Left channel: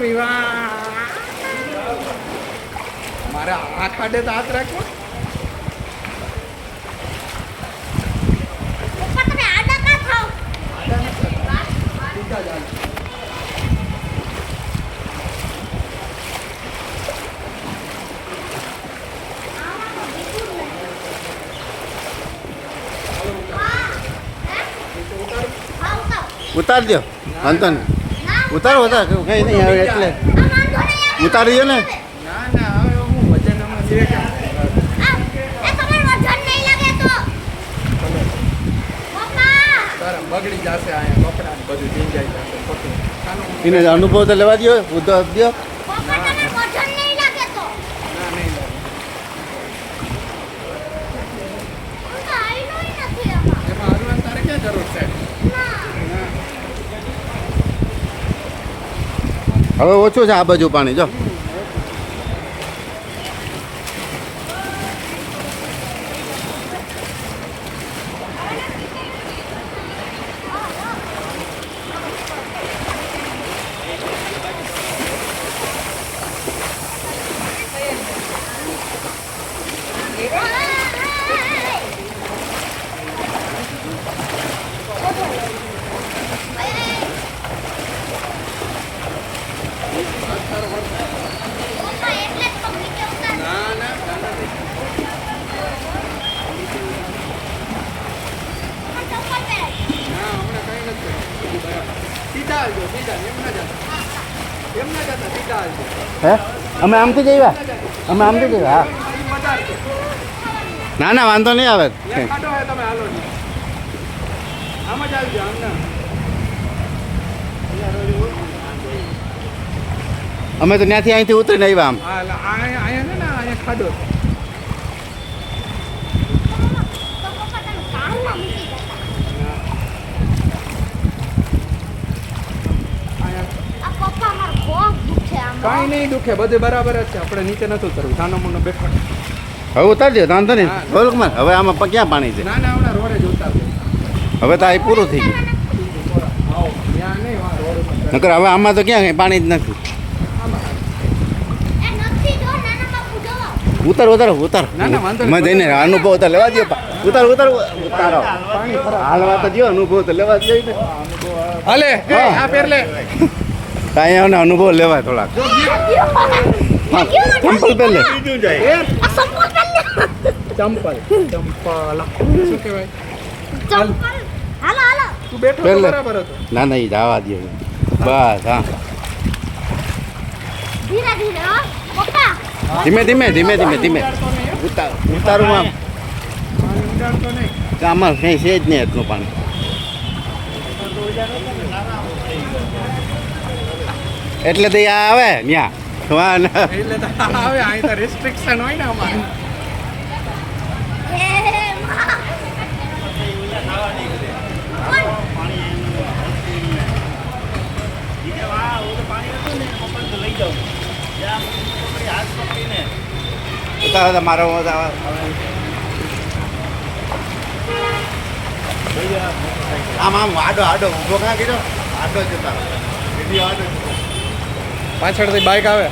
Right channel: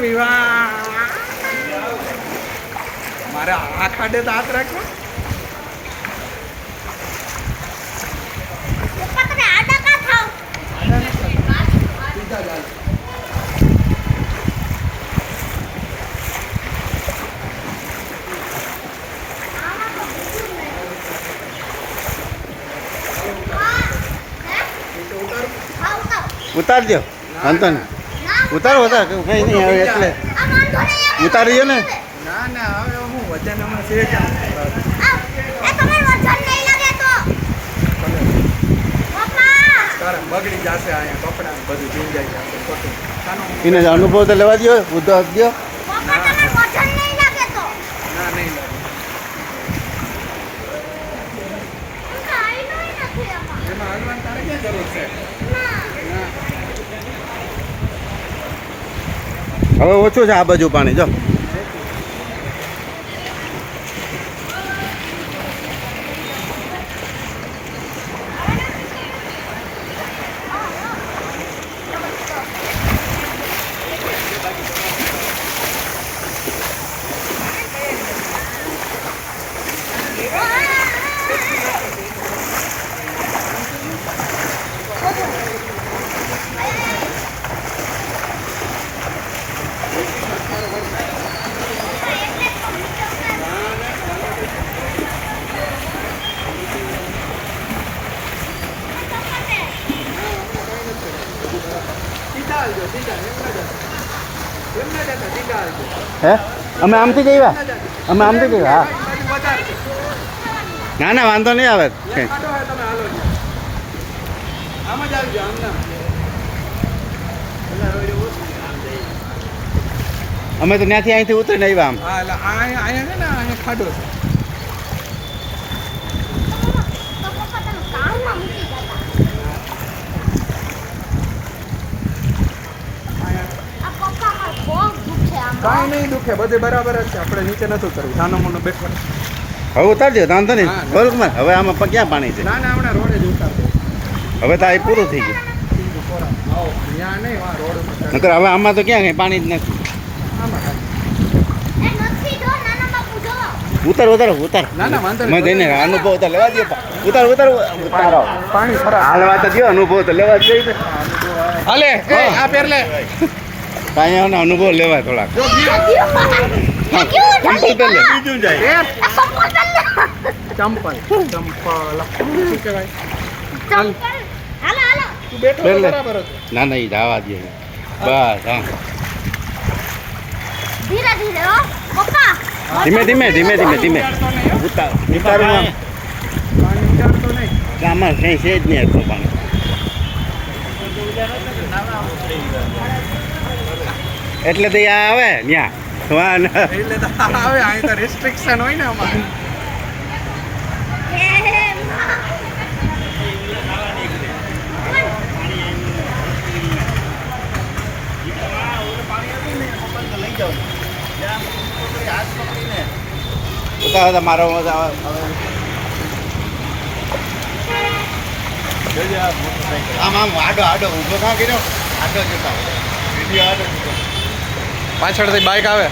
વિવાહ મારે આ ખાડે તો હાથ રાખો. ઉતાર દો વાંધો નહીં. ઉતારો ઉતાર કઈ નહીં આવે એટલે ઉતારી દો ને. ના ના હવે હું વજન હમણાં છે કેમ તારા બગડી જશે અહીંયા કપડા ને બધું ભીંજાઈ જશે ખોટું. એનો અનુભવ તો લેવા દો ઉદ્યોગ દો. ના નહીં લાગે. એમાં હલવાની તારે ક્યાં જરૂર છે? હવે ઓછું છે આ બાજુ પાણી જો. હે અમે આમથી જઈએ અમે આમથી જઈએ. હા ના ના વાંધો નહીં આવે. અમે તો ત્યાંથી અહીંથી ઉતરીને આવ્યા આમ. અહીંયા છે ને અહીંયા ખાડો કાંઈ નહીં દુખે બધે બરાબર જ છે. આપણે નીચે નથી ઉતરવું સાનો મોનો બેઠો. હવે ઉતારી દો વાંધો નહીં. બરોબર હવે આમાં ક્યાં પાણી છે? ના ના હમણાં રોડે જ ઉતાર દે. હવે તો આ પૂરું થઈ ગયું. ત્યાં નહીં વા રોડ ઉપર નકર હવે આમાં તો ક્યાં પાણી જ નથી. ઉતાર ઉતારો ઉતાર. ના ના વાંધો મેં જઈને અનુભવ તો લેવા દો. ઉતાર ઉતાર ઉતારો. હાલવા તો દો અનુભવ તો લેવા જ જોઈએ. હાલે આ પેર લે કાંઈ એનો અનુભવ લેવાય થોડાક. ચંપલ પહેર લે. ચંપલ શું કહેવાય? તું બેઠો પહેર લે. બરાબર હતો. ના ના એ જવા દે બસ. હા ધીમે ધીમે ધીમે ધીમે ધીમે ઉતારું આમ. આમાં કંઈ છે જ નહીં એટલું પાણી. એટલે તો આ આવે ત્યાં એટલે તો આવે અહીં તો રિસ્ટ્રિક્શન હોય ને અમારે. ઉતાર મારો આમ આમ આડો આડો ઊભો કાં કર્યો આડો જતા વિડીયો આડો પાછળથી બાઇક આવે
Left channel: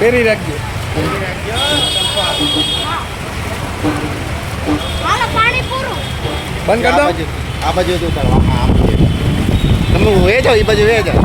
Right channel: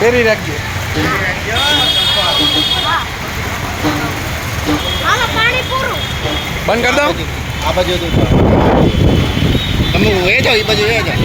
ફેરી રાખજો. બંધ કરી દો. આ બાજુ તમે એ જાઓ એ બાજુ એ જાય.